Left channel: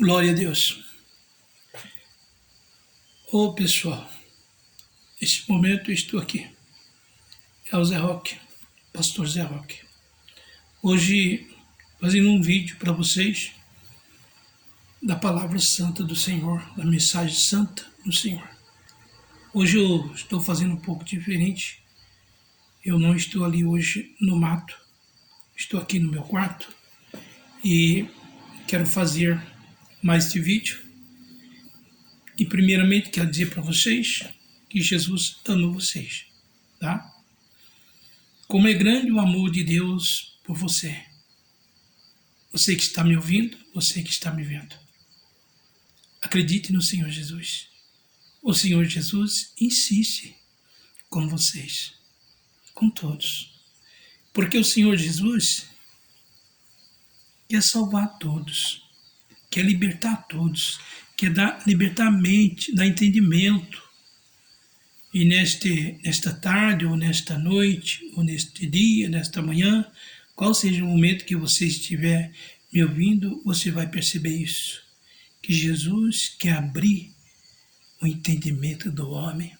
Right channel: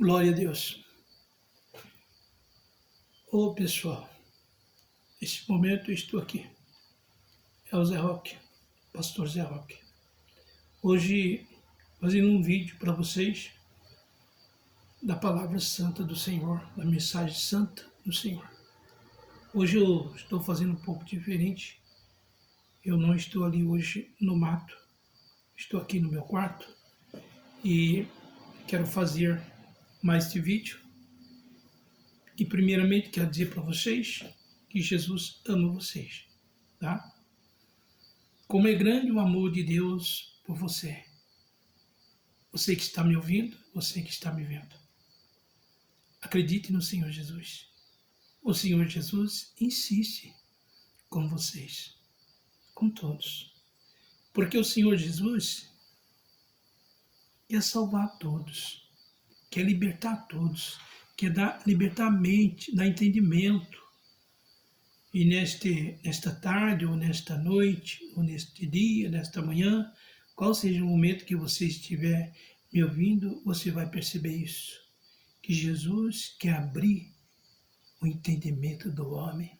Glória a Deus. Ô pessoal, neste momento eu estou aqui. É o Zé Roque, pastor Zé Roque. Hoje fazendo um vídeo para vocês da palavra santa do Senhor, da mensagem santa do Senhor. Hoje eu estou fazendo um pouco diferente. Eu não estou ali hoje no mato. Estou aqui no meu quarto e quero fazer mais este vídeo. E primeiramente quero dizer para vocês que Jesus ama vocês, tá? Como é grande o amor de Deus por você. Você que está me ouvindo, você que está me vendo. Acredite no Senhor Jesus. O Senhor Jesus insiste com vocês, com todos. Porque o Senhor Jesus quer salvar todos, quer libertar todos, quer libertar a mente, dar entendimento. E nesta tarde, ou nesta noite, ou neste dia, nesta manhã, qual seja o momento que você estiver me ouvindo, você vai perceber isso. Que Jesus quer abrir o entendimento do homem.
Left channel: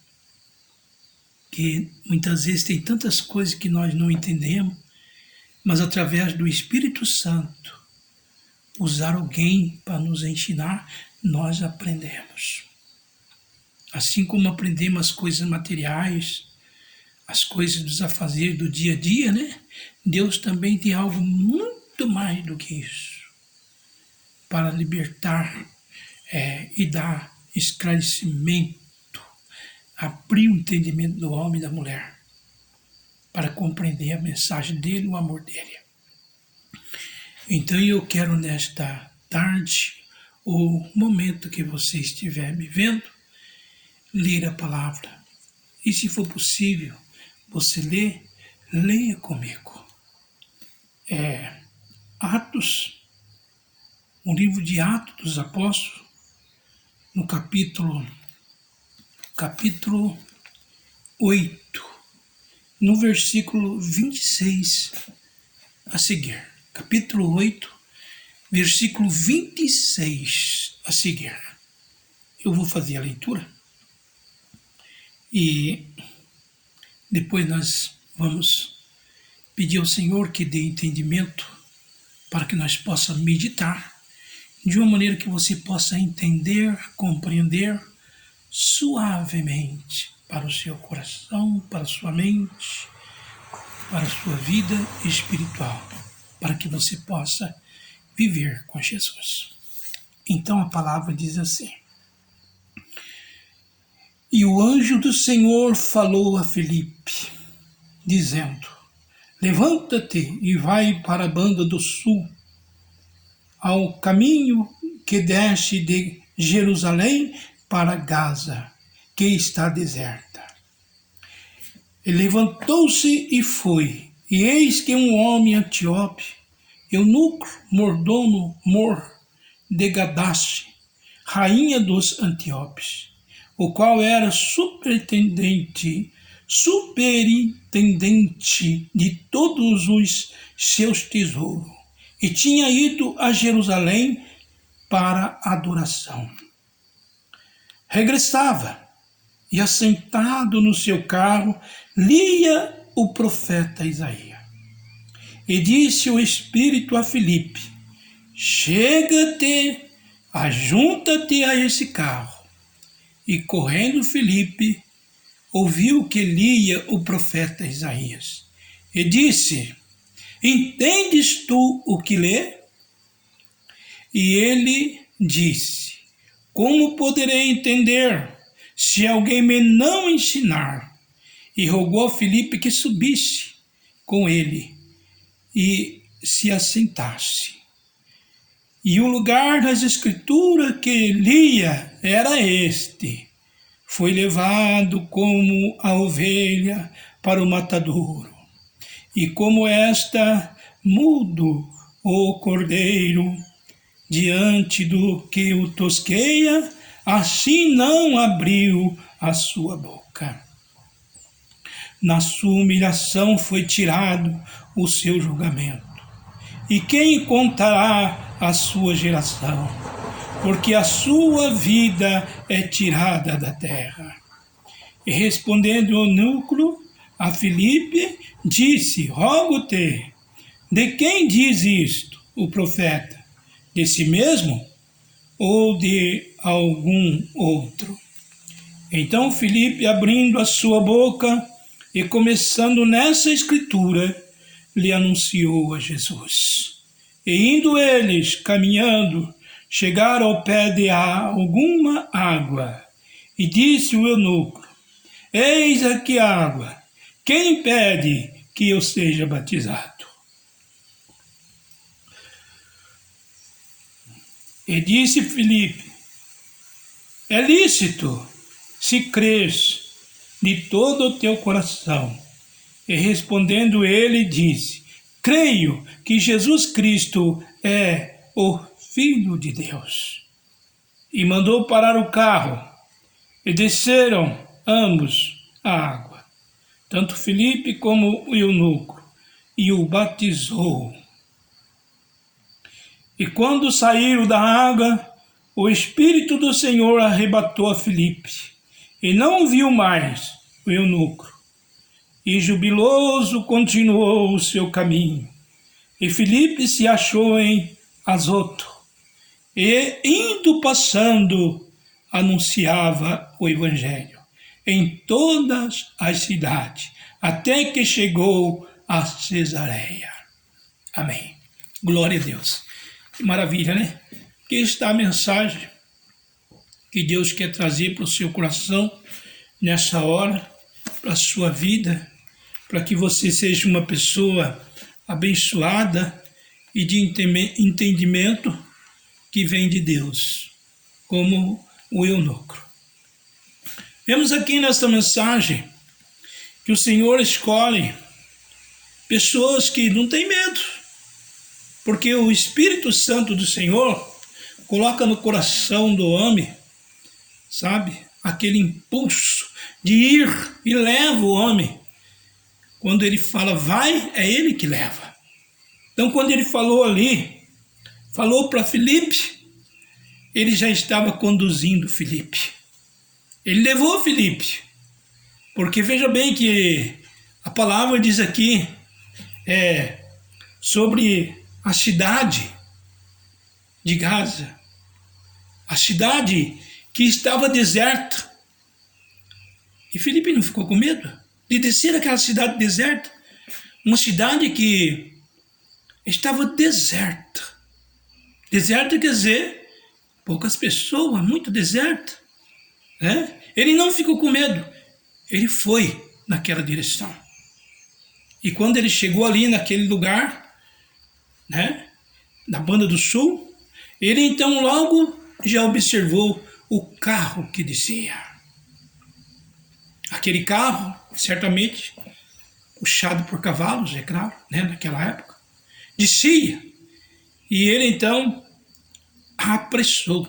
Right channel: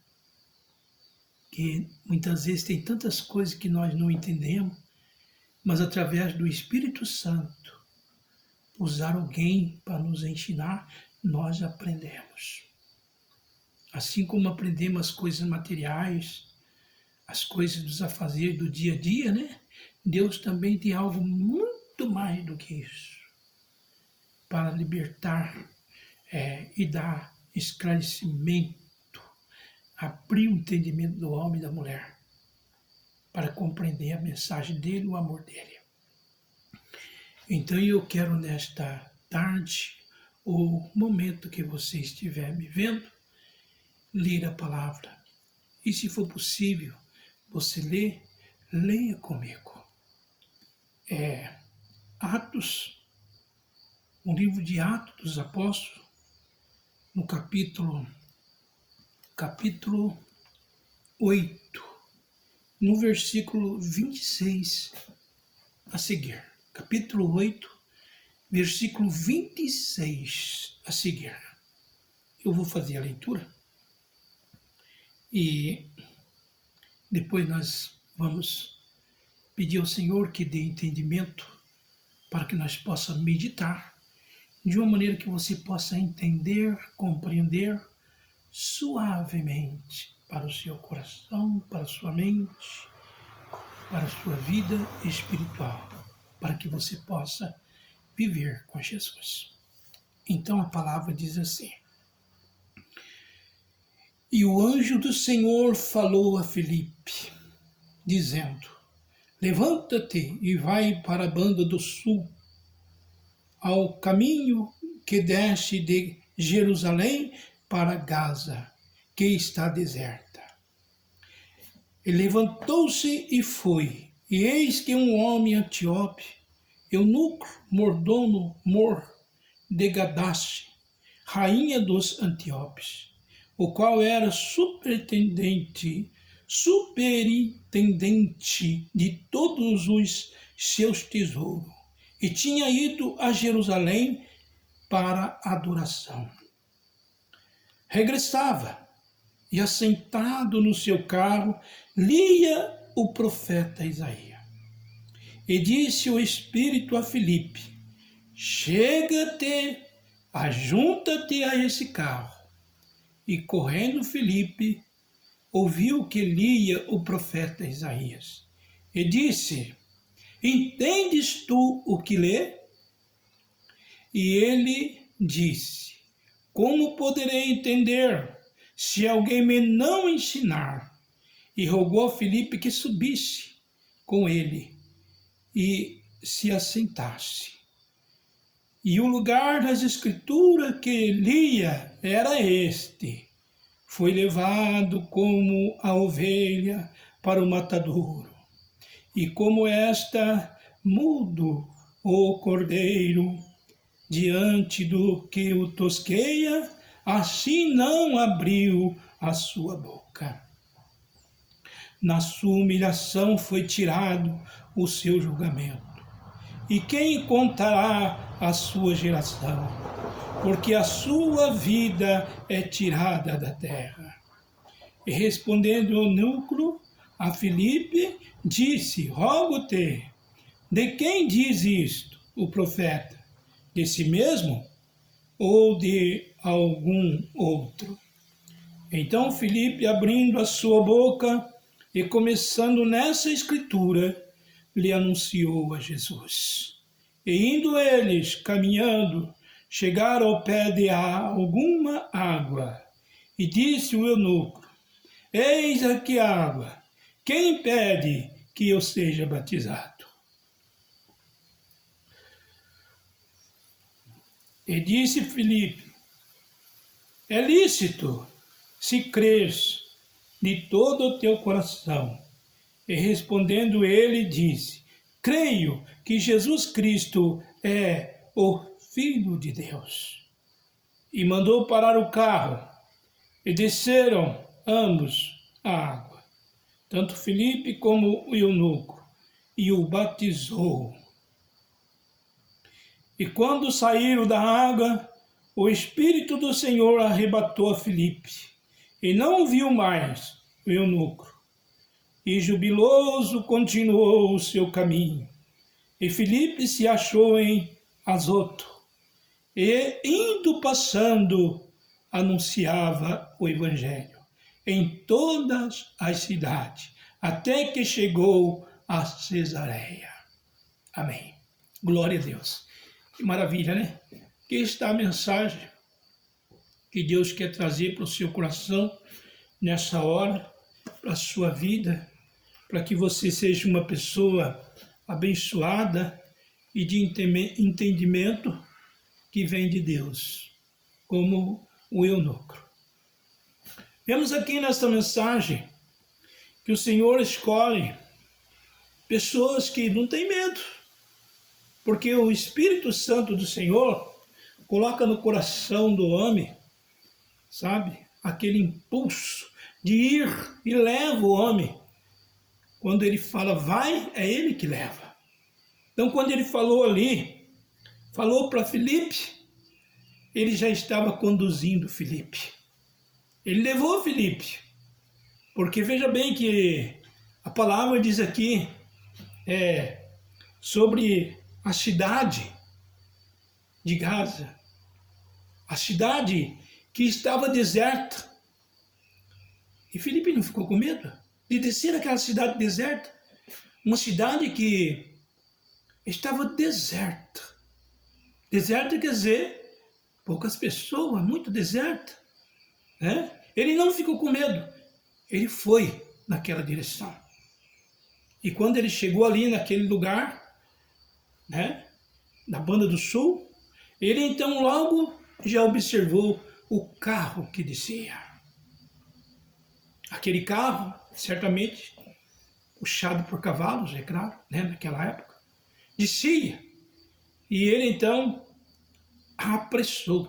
Que muitas vezes tem tantas coisas que nós não entendemos, mas através do Espírito Santo, usar alguém para nos ensinar, nós aprendemos. Assim como aprendemos as coisas materiais, as coisas dos afazeres do dia a dia, né? Deus também tem algo muito mais do que isso, para libertar e dar esclarecimento, abrir o entendimento do homem e da mulher, para compreender a mensagem dele, o amor dele. Então eu quero nesta tarde, o momento que você estiver me vendo, ler a palavra. E se for possível, você leia comigo. Atos, o livro de Atos dos Apóstolos, no capítulo 8, no versículo 26 a seguir. Capítulo 8, versículo 26 a seguir. Eu vou fazer a leitura e depois nós vamos pedir ao Senhor que dê entendimento para que nós possamos meditar de uma maneira que você possa entender, compreender suavemente para o seu coração, para a sua mente, para a sua vida espiritual, para que você possa viver com Jesus. Então a palavra diz assim: E o anjo do Senhor falou a Filipe, dizendo: Levanta-te e vai para a banda do sul, ao caminho que desce de Jerusalém para Gaza, que está deserta. E levantou-se e foi, e eis que um homem etíope, eunuco, mordomo de Gadace, rainha dos Antíopes, o qual era superintendente de todos os seus tesouros, e tinha ido a Jerusalém para adoração. Regressava, e assentado no seu carro, lia o profeta Isaías. E disse o Espírito a Filipe: Chega-te, ajunta-te a esse carro. E correndo Filipe, ouviu que lia o profeta Isaías. E disse: Entendes tu o que lê? E ele disse: Como poderei entender, se alguém me não ensinar? E rogou a Filipe que subisse com ele e se assentasse. E o lugar das Escrituras que lia era este: Foi levado como a ovelha para o matadouro, e como esta mudo o cordeiro diante do que o tosqueia, assim não abriu a sua boca. Na sua humilhação foi tirado o seu julgamento. E quem contará a sua geração? porque a sua vida é tirada da terra. E respondendo o eunuco a Filipe, disse: rogo-te, de quem diz isto o profeta? De si mesmo ou de algum outro? Então Filipe, abrindo a sua boca e começando nessa escritura, lhe anunciou a Jesus. E indo eles, caminhando, chegaram ao pé de alguma água. E disse o eunuco: eis aqui a água, quem pede que eu seja batizado? E disse Filipe: é lícito, se crês de todo o teu coração. E respondendo ele, disse: creio que Jesus Cristo é o Filho de Deus. E mandou parar o carro, e desceram ambos a água, tanto Filipe como o eunuco, e o batizou. E quando saíram da água, o Espírito do Senhor arrebatou a Filipe, e não viu mais o eunuco. E jubiloso continuou o seu caminho. E Filipe se achou em Azoto, e indo passando, anunciava o Evangelho em todas as cidades, até que chegou a Cesareia. Amém. Glória a Deus. Que maravilha, né? Aqui está a mensagem que Deus quer trazer para o seu coração nessa hora, para a sua vida, para que você seja uma pessoa abençoada e de entendimento que vem de Deus, como o eunuco. Vemos aqui nesta mensagem que o Senhor escolhe pessoas que não têm medo, porque o Espírito Santo do Senhor coloca no coração do homem, sabe, aquele impulso de ir e leva o homem. Quando ele fala vai, é ele que leva. Então, quando ele falou ali, falou para Filipe, ele já estava conduzindo Filipe. Ele levou Filipe, porque veja bem que a palavra diz aqui sobre a cidade de Gaza, a cidade que estava deserta. E Filipe não ficou com medo de descer aquela cidade deserta, uma cidade que estava deserta. Deserta quer dizer poucas pessoas, muito deserta, né? Ele não ficou com medo, ele foi naquela direção. E quando ele chegou ali naquele lugar, né, na Banda do Sul, ele então logo já observou o carro que descia. Aquele carro, certamente, puxado por cavalos, é claro, né, naquela época, descia. E ele então apressou.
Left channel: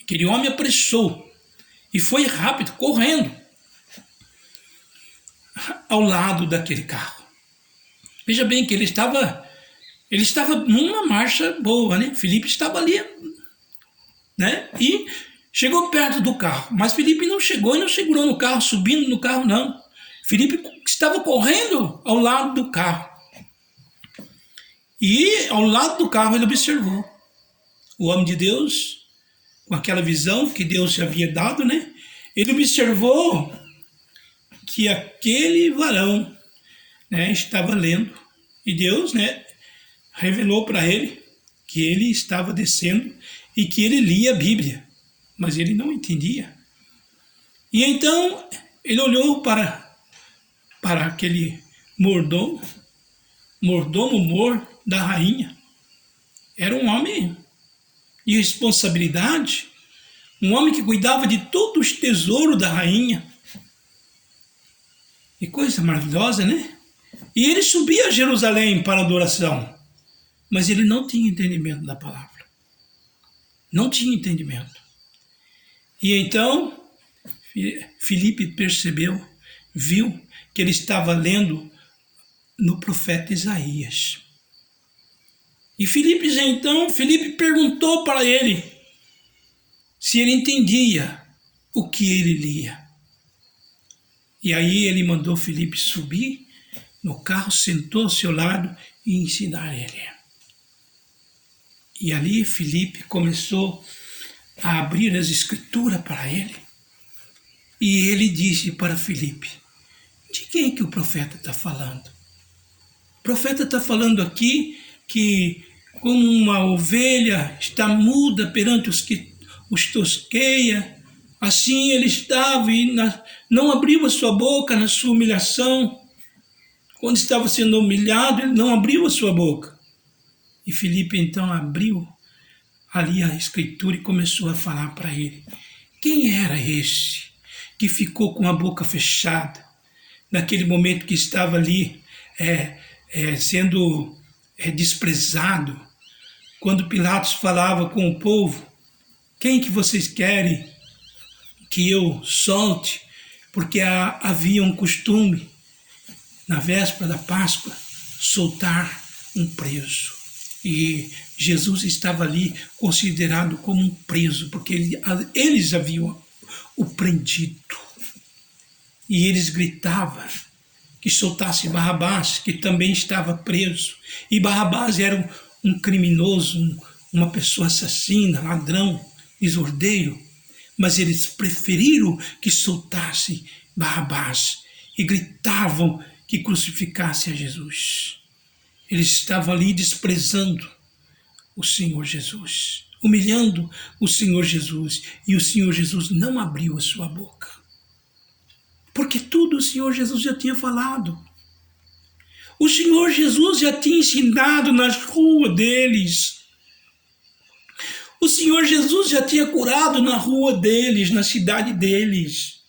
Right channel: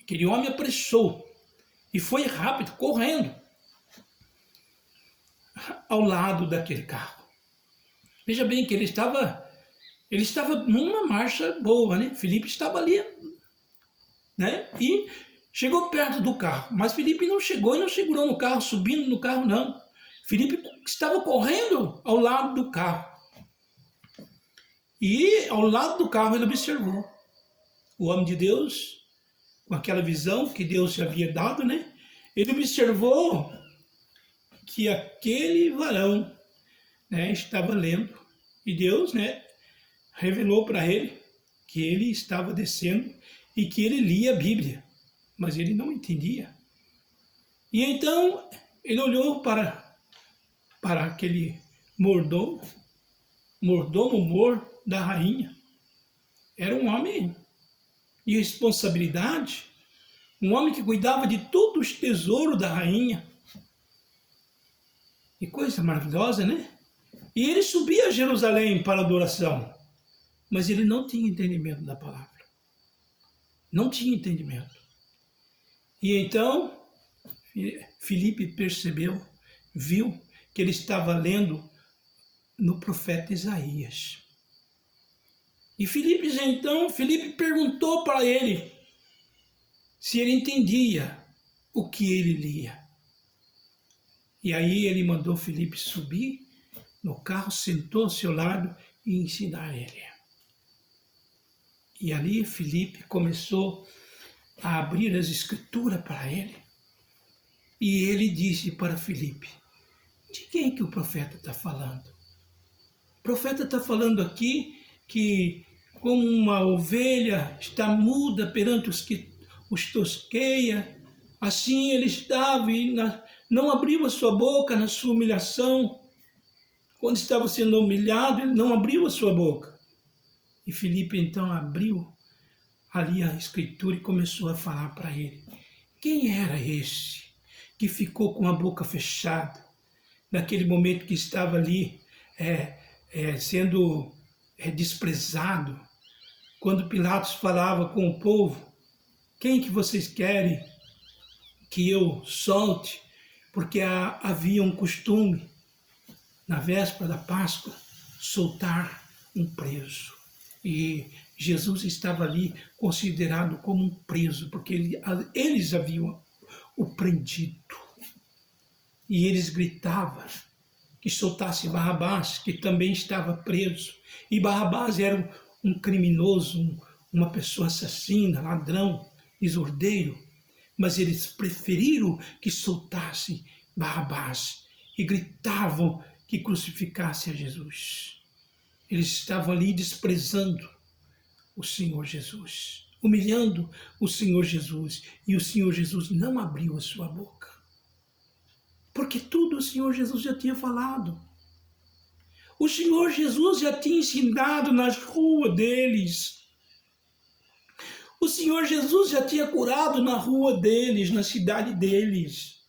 Aquele homem apressou e foi rápido, correndo ao lado daquele carro. Veja bem que ele estava numa marcha boa, né? Filipe estava ali, né? E chegou perto do carro, mas Filipe não chegou e não segurou no carro, subindo no carro, não. Filipe estava correndo ao lado do carro. E ao lado do carro ele observou o homem de Deus, com aquela visão que Deus já havia dado, né? Ele observou que aquele varão, né, estava lendo. E Deus, né, revelou para ele que ele estava descendo e que ele lia a Bíblia, mas ele não entendia. E então ele olhou para aquele mordomo mor da rainha. Era um homem de responsabilidade, um homem que cuidava de todos os tesouros da rainha. Que coisa maravilhosa, né? E ele subia a Jerusalém para adoração, mas ele não tinha entendimento da palavra. Não tinha entendimento. E então, Filipe percebeu, viu que ele estava lendo no profeta Isaías. E Filipe perguntou para ele se ele entendia o que ele lia. E aí ele mandou Filipe subir no carro, sentou-se ao lado e ensinar ele. E ali Filipe começou a abrir as escrituras para ele. E ele disse para Filipe: de quem que o profeta está falando? O profeta está falando aqui que como uma ovelha está muda perante os que os tosqueia, assim ele estava e não abriu a sua boca na sua humilhação. Quando estava sendo humilhado, ele não abriu a sua boca. E Filipe então abriu ali a escritura e começou a falar para ele. Quem era esse que ficou com a boca fechada, naquele momento que estava ali sendo desprezado, quando Pilatos falava com o povo: quem que vocês querem que eu solte? Porque havia um costume, na véspera da Páscoa, soltar um preso. E Jesus estava ali considerado como um preso, porque eles haviam o prendido. E eles gritavam que soltasse Barrabás, que também estava preso. E Barrabás era um criminoso, uma pessoa assassina, ladrão, desordeiro. Mas eles preferiram que soltasse Barrabás e gritavam que crucificasse a Jesus. Eles estavam ali desprezando o Senhor Jesus, humilhando o Senhor Jesus, e o Senhor Jesus não abriu a sua boca, porque tudo o Senhor Jesus já tinha falado. O Senhor Jesus já tinha ensinado nas ruas deles. O Senhor Jesus já tinha curado na rua deles, na cidade deles.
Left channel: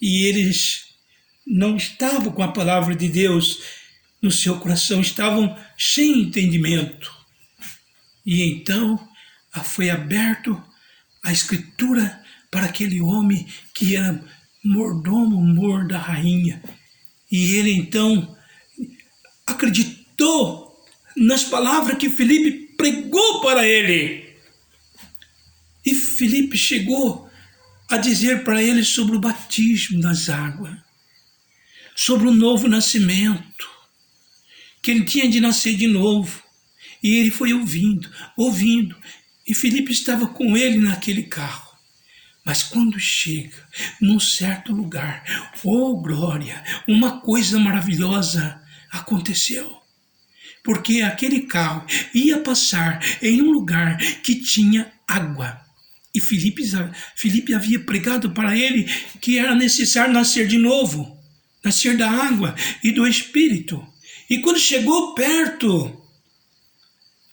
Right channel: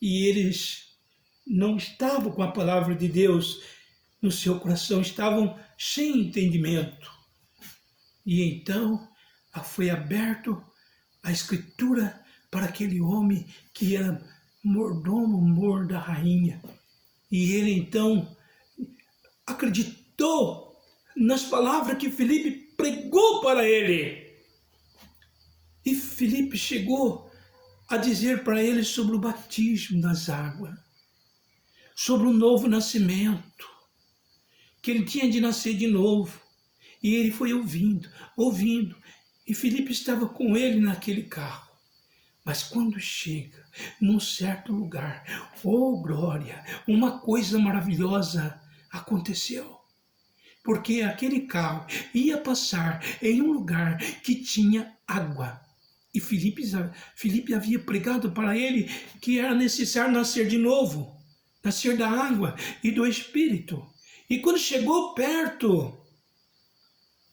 E eles não estavam com a palavra de Deus no seu coração, estavam sem entendimento. E então foi aberto a escritura para aquele homem que era mordomo da rainha. E ele então acreditou nas palavras que Filipe pregou para ele. E Filipe chegou a dizer para ele sobre o batismo das águas, sobre o novo nascimento, que ele tinha de nascer de novo. E ele foi ouvindo. E Filipe estava com ele naquele carro. Mas quando chega num certo lugar, oh glória, uma coisa maravilhosa aconteceu. Porque aquele carro ia passar em um lugar que tinha água. E Filipe havia pregado para ele que era necessário nascer de novo, nascer da água e do Espírito. E quando chegou perto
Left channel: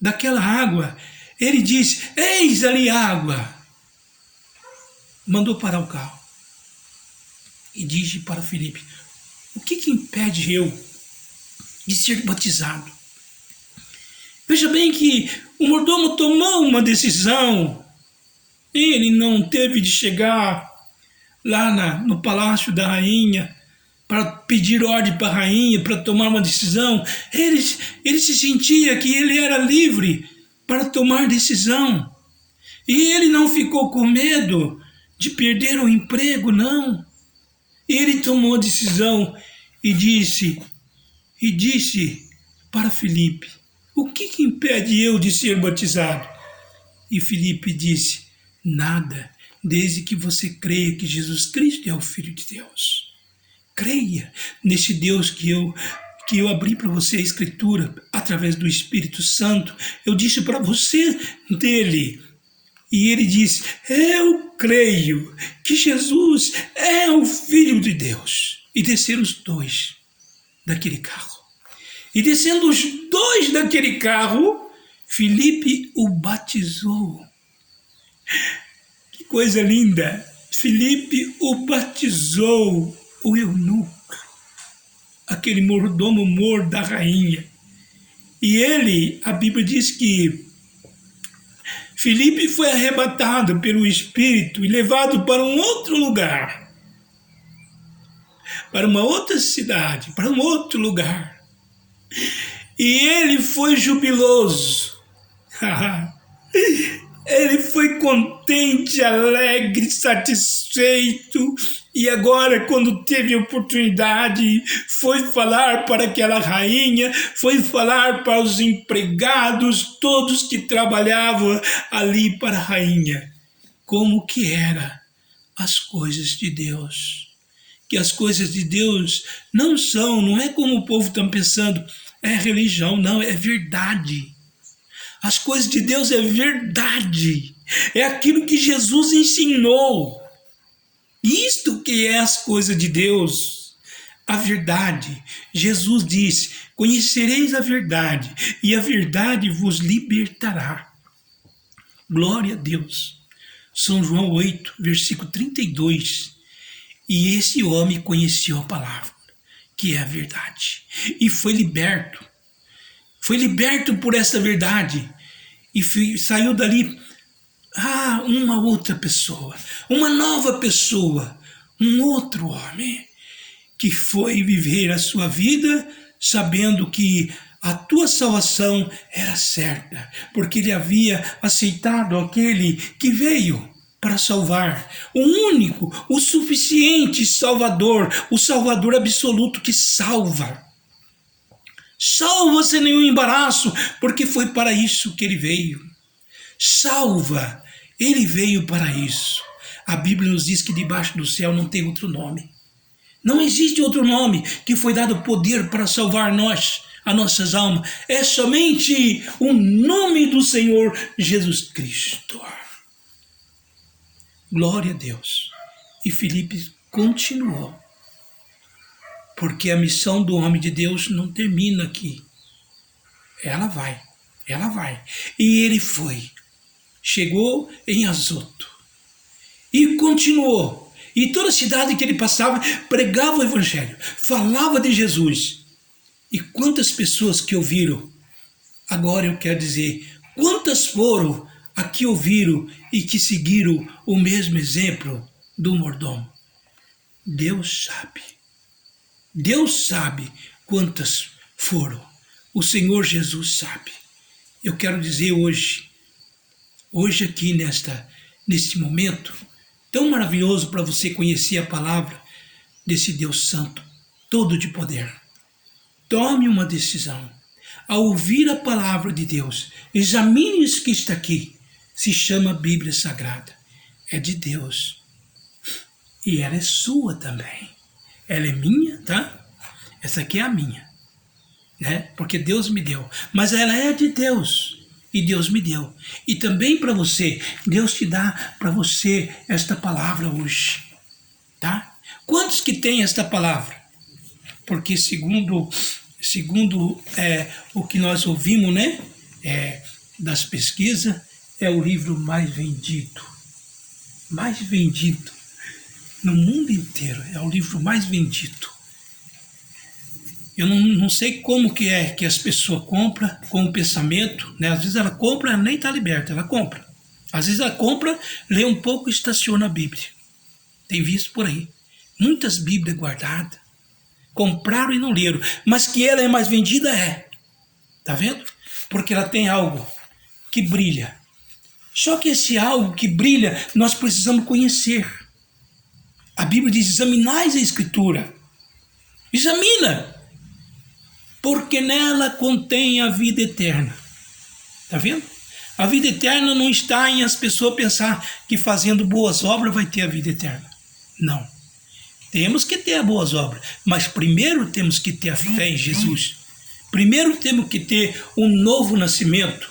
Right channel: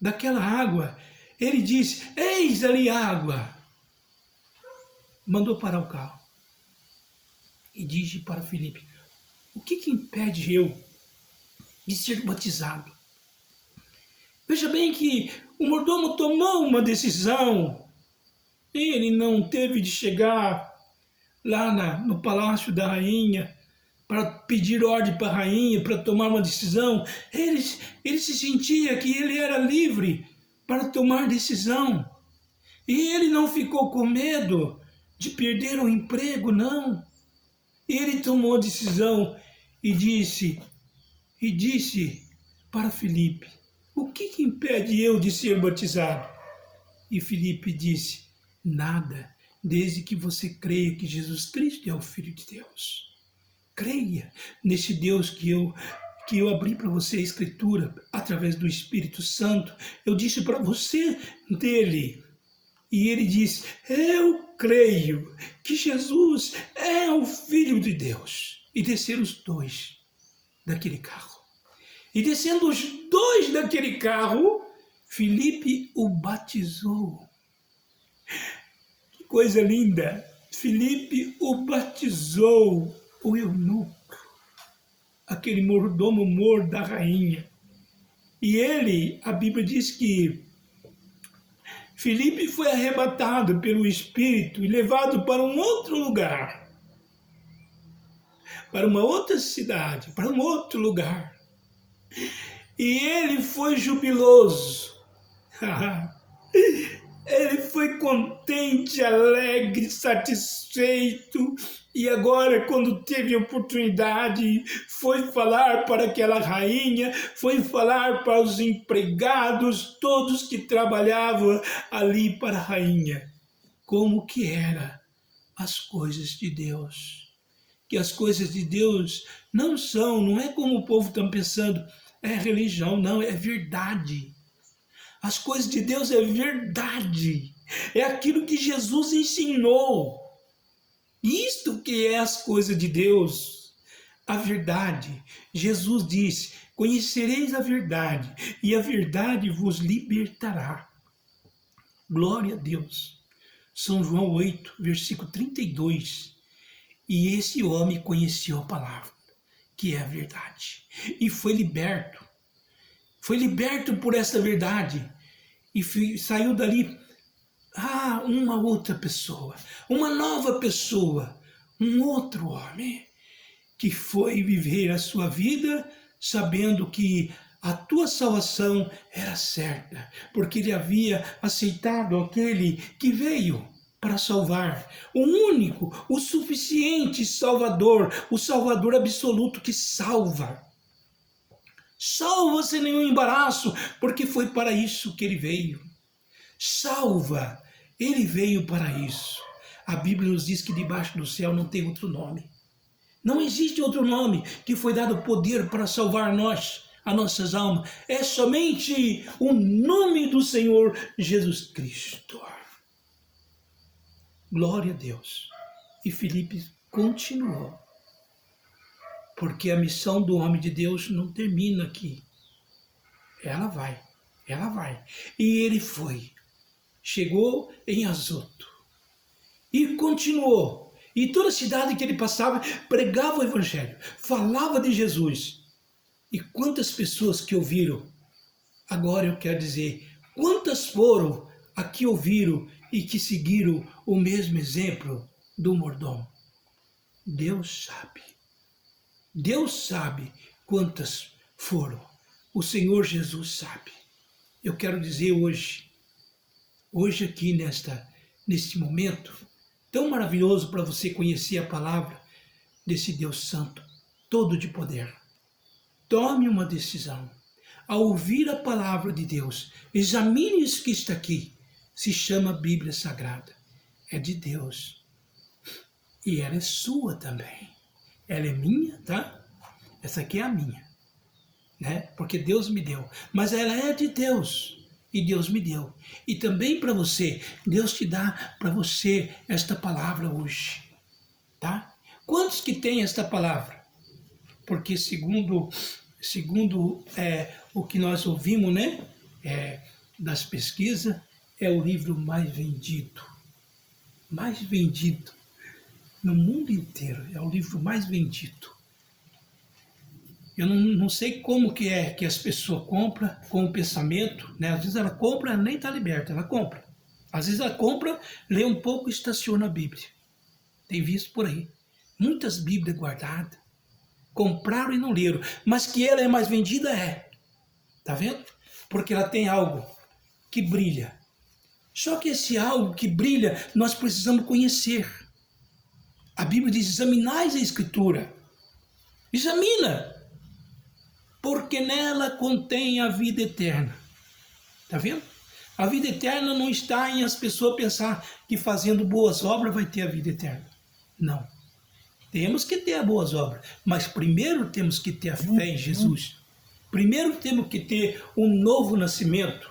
daquela água, ele disse: eis ali água. Mandou parar o carro e disse para Filipe: o que impede eu de ser batizado? Veja bem que o mordomo tomou uma decisão. Ele não teve de chegar lá no palácio da rainha para pedir ordem para a rainha, para tomar uma decisão. Ele se sentia que ele era livre para tomar decisão. E ele não ficou com medo de perder o emprego, não. Ele tomou a decisão e disse para Filipe: o que impede eu de ser batizado? E Filipe disse: nada, desde que você creia que Jesus Cristo é o Filho de Deus. Creia nesse Deus que eu abri para você a Escritura através do Espírito Santo. Eu disse para você dele. E ele disse: eu creio que Jesus é o Filho de Deus. E desceram os dois daquele carro. E descendo os dois daquele carro, Filipe o batizou. Que coisa linda! Filipe o batizou, o eunuco, aquele mordomo da rainha. E ele, a Bíblia diz que Filipe foi arrebatado pelo Espírito e levado para um outro lugar, para uma outra cidade, para um outro lugar. E ele foi jubiloso. Ele foi contente, alegre, satisfeito. E agora, quando teve oportunidade, foi falar para aquela rainha, foi falar para os empregados, todos que trabalhavam ali para a rainha, como que eram as coisas de Deus. Que as coisas de Deus não é como o povo está pensando, é religião, não, é verdade. As coisas de Deus é verdade, é aquilo que Jesus ensinou. Isto que é as coisas de Deus, a verdade. Jesus disse: conhecereis a verdade, e a verdade vos libertará. Glória a Deus. São João 8, versículo 32. E esse homem conheceu a palavra, que é a verdade, e foi liberto. Foi liberto por essa verdade e saiu dali uma outra pessoa, uma nova pessoa, um outro homem que foi viver a sua vida sabendo que a tua salvação era certa, porque ele havia aceitado aquele que veio para salvar, o único, o suficiente Salvador, o Salvador absoluto que salva. Salva sem nenhum embaraço, porque foi para isso que ele veio. Salva, ele veio para isso. A Bíblia nos diz que debaixo do céu não tem outro nome. Não existe outro nome que foi dado poder para salvar nós, as nossas almas. É somente o nome do Senhor Jesus Cristo. Glória a Deus. E Filipe continuou. Porque a missão do homem de Deus não termina aqui. Ela vai. E ele foi. Chegou em Azoto. E continuou. E toda cidade que ele passava, pregava o evangelho. Falava de Jesus. E quantas pessoas que ouviram? Agora eu quero dizer, quantas foram a que ouviram e que seguiram o mesmo exemplo do mordomo? Deus sabe. Deus sabe quantas foram. O Senhor Jesus sabe. Eu quero dizer hoje aqui neste momento, tão maravilhoso para você conhecer a palavra desse Deus Santo, todo de poder. Tome uma decisão. Ao ouvir a palavra de Deus, examine isso que está aqui. Se chama Bíblia Sagrada. É de Deus. E ela é sua também. Ela é minha, tá? Essa aqui é a minha, né? Porque Deus me deu. Mas ela é de Deus. E Deus me deu. E também para você, Deus te dá para você esta palavra hoje, tá? Quantos que tem esta palavra? Porque segundo o que nós ouvimos, né? Das pesquisas, é o livro mais vendido. Mais vendido. No mundo inteiro, é o livro mais vendido. Eu não sei como que é que as pessoas compram com o pensamento, né? Às vezes ela compra, ela nem está liberta, ela compra. Às vezes ela compra, lê um pouco e estaciona a Bíblia. Tem visto por aí. Muitas Bíblias guardadas. Compraram e não leram. Mas que ela é mais vendida, é. Tá vendo? Porque ela tem algo que brilha. Só que esse algo que brilha, nós precisamos conhecer. A Bíblia diz, examinais a Escritura. Examina. Porque nela contém a vida eterna. Está vendo? A vida eterna não está em as pessoas pensar que fazendo boas obras vai ter a vida eterna. Não. Temos que ter as boas obras, mas primeiro temos que ter a fé em Jesus. Primeiro temos que ter um novo nascimento.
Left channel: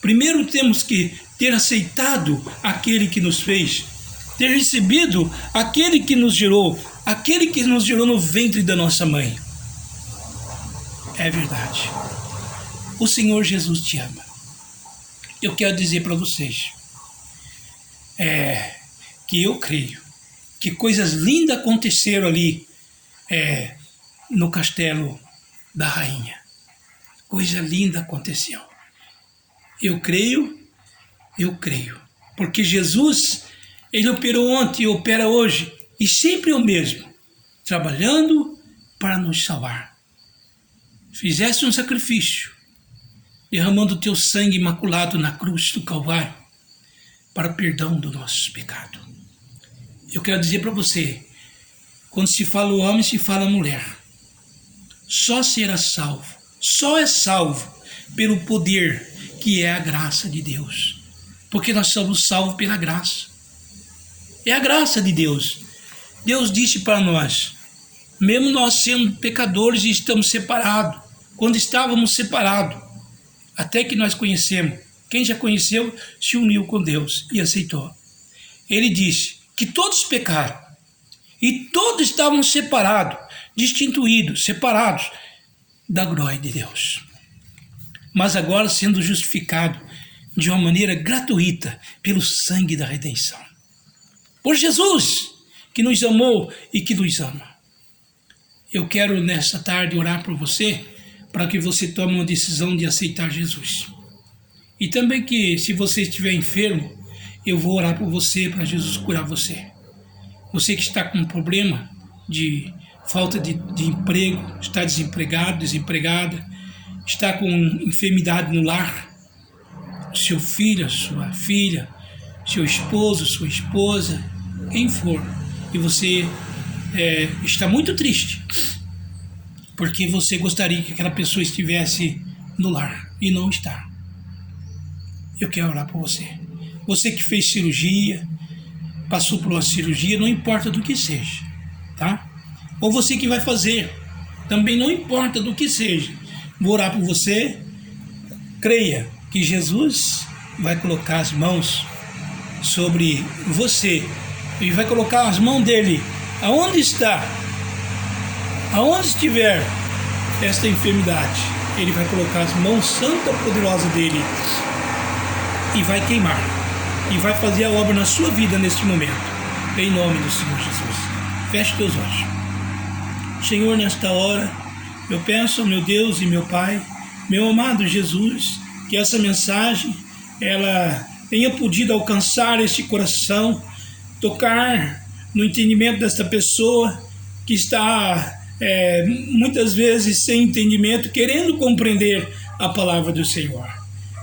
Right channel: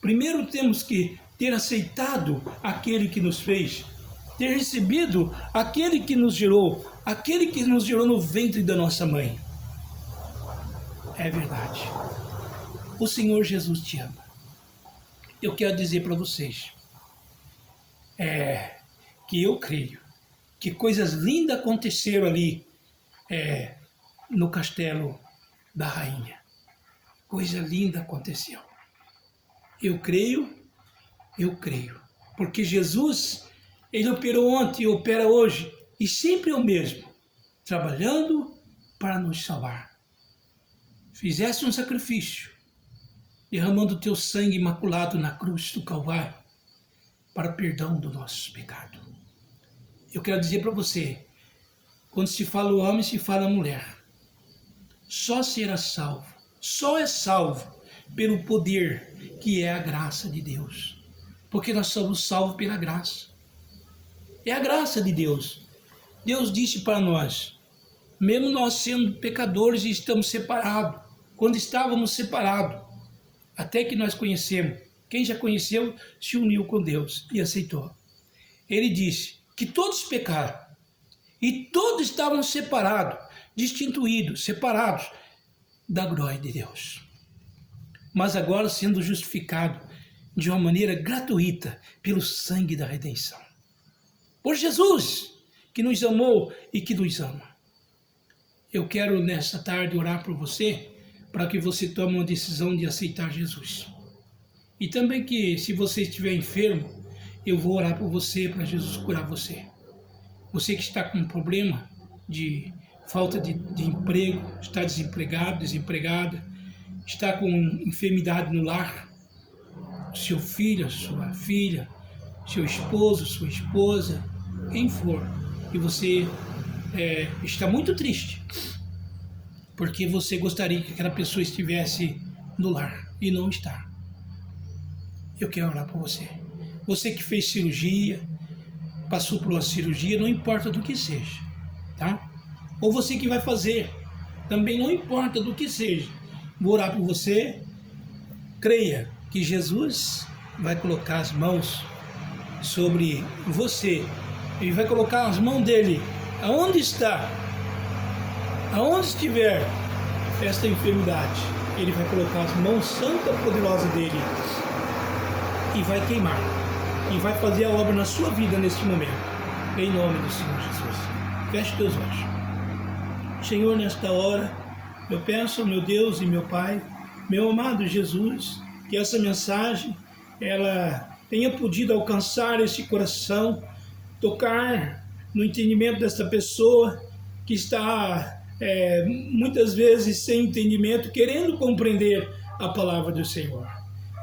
Primeiro temos que ter aceitado aquele que nos fez, ter recebido aquele que nos gerou no ventre da nossa mãe. É verdade. O Senhor Jesus te ama. Eu quero dizer para vocês que eu creio que coisas lindas aconteceram ali no castelo da rainha. Coisa linda aconteceu. Eu creio, porque Jesus, ele operou ontem, opera hoje, e sempre é o mesmo, trabalhando para nos salvar. fizeste um sacrifício, derramando o teu sangue imaculado na cruz do Calvário para perdão do nosso pecado. Eu quero dizer para você, quando se fala o homem, se fala a mulher. Só será salvo, só é salvo pelo poder que é a graça de Deus. Porque nós somos salvos pela graça. É a graça de Deus. Deus disse para nós, mesmo nós sendo pecadores e estamos separados, quando estávamos separados, até que nós conhecemos, quem já conheceu se uniu com Deus e aceitou. Ele disse que todos pecaram e todos estavam separados, destituídos, separados da glória de Deus. Mas agora sendo justificados de uma maneira gratuita pelo sangue da redenção. Por Jesus, que nos amou e que nos ama. Eu quero nesta tarde orar por você, para que você tome uma decisão de aceitar Jesus. E também que, se você estiver enfermo, eu vou orar por você, para Jesus curar você. Você que está com um problema de falta de emprego, está desempregado, desempregada, está com enfermidade no lar, seu filho, sua filha, seu esposo, sua esposa, quem for, e você está muito triste, porque você gostaria que aquela pessoa estivesse no lar e não está. Eu quero orar por você. Você que fez cirurgia, passou por uma cirurgia, não importa do que seja, tá? Ou você que vai fazer, também não importa do que seja. Vou orar por você. Creia que Jesus vai colocar as mãos sobre você. Ele vai colocar as mãos dele aonde está, aonde estiver esta enfermidade. Ele vai colocar as mãos santa poderosa dele e vai queimar e vai fazer a obra na sua vida neste momento, em nome do Senhor Jesus. Feche teus olhos. Senhor, nesta hora eu peço, meu Deus e meu Pai, meu amado Jesus, que essa mensagem ela tenha podido alcançar este coração, tocar no entendimento desta pessoa que está muitas vezes sem entendimento, querendo compreender a palavra do Senhor.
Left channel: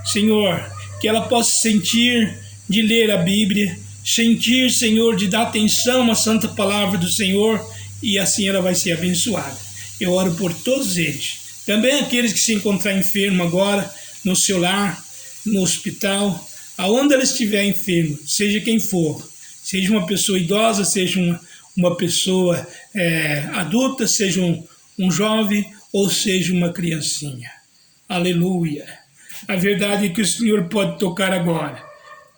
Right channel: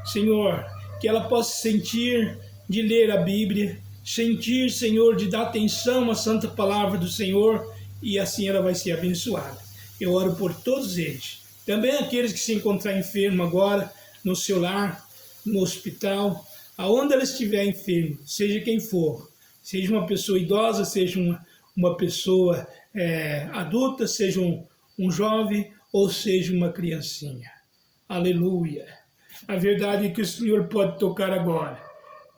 Senhor, que ela possa sentir de ler a Bíblia, sentir, Senhor, de dar atenção à santa palavra do Senhor, e assim ela vai ser abençoada. Eu oro por todos eles, também aqueles que se encontram enfermos agora, no seu lar, no hospital, aonde ela estiver enferma, seja quem for, seja uma pessoa idosa, seja uma pessoa adulta, seja um jovem ou seja uma criancinha. Aleluia! A verdade é que o Senhor pode tocar agora,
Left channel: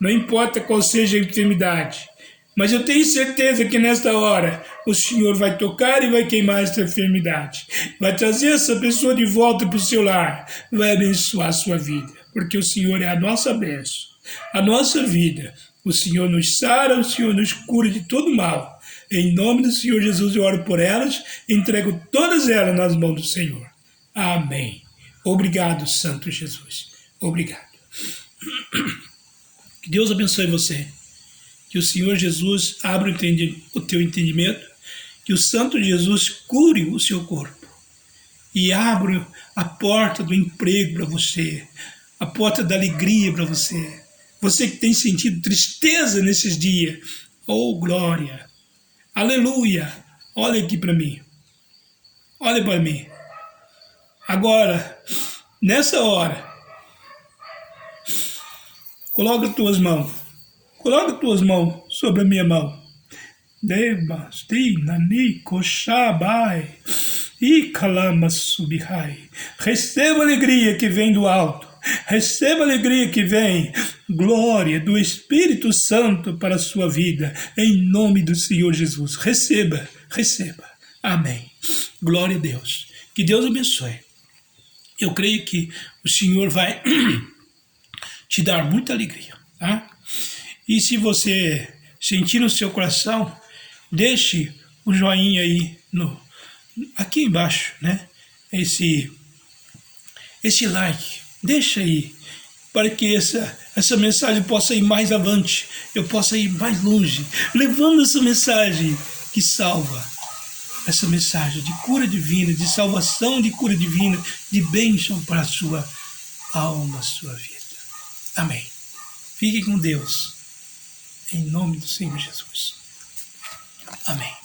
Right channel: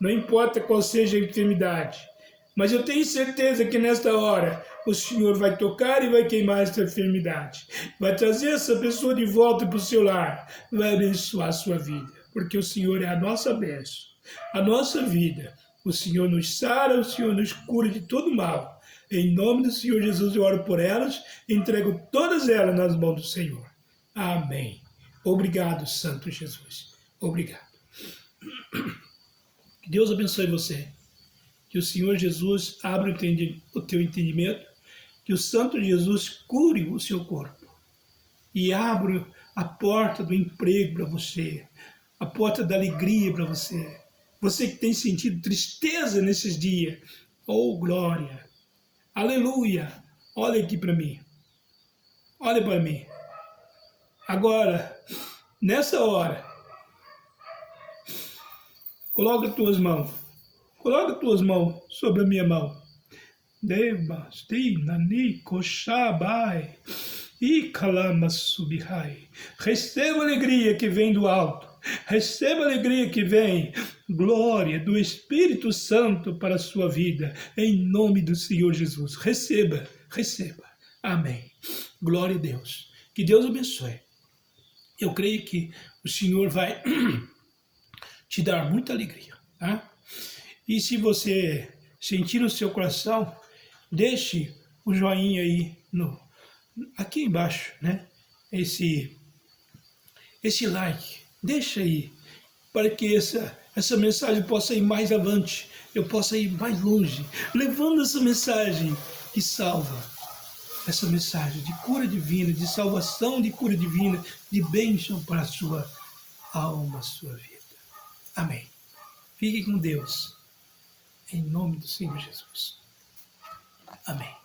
não importa qual seja a enfermidade, mas eu tenho certeza que nesta hora o Senhor vai tocar e vai queimar esta enfermidade, vai trazer essa pessoa de volta para o seu lar, vai abençoar a sua vida, porque o Senhor é a nossa bênção, a nossa vida. O Senhor nos sara, o Senhor nos cura de todo mal. Em nome do Senhor Jesus eu oro por elas, entrego todas elas nas mãos do Senhor. Amém. Obrigado, Santo Jesus. Obrigado. Que Deus abençoe você. Que o Senhor Jesus abra o teu entendimento. Que o Santo Jesus cure o seu corpo. E abra a porta do emprego para você. A porta da alegria para você. Você que tem sentido tristeza nesses dias. Oh, glória. Aleluia. Olha aqui para mim. Olha para mim. Agora, nessa hora, coloca tuas mãos. Coloca tuas mãos sobre a minha mão. Receba a alegria que vem do alto. Receba a alegria que vem, glória do Espírito Santo para a sua vida, em nome do Senhor Jesus. Receba, receba. Amém. Glória a Deus. Que Deus abençoe. Eu creio que o Senhor vai te dar muita alegria, tá? E se você sentir no seu coração, deixe o joinha aí aqui embaixo, né? Esse like. Deixa aí, para que essa mensagem possa ir mais avante, eu possa ir mais longe, levando essa mensagem que salva, essa mensagem de cura divina, de salvação, de cura divina, de bênção para a sua alma, a sua vida. Amém. Fique com Deus, em nome do Senhor Jesus. Amém.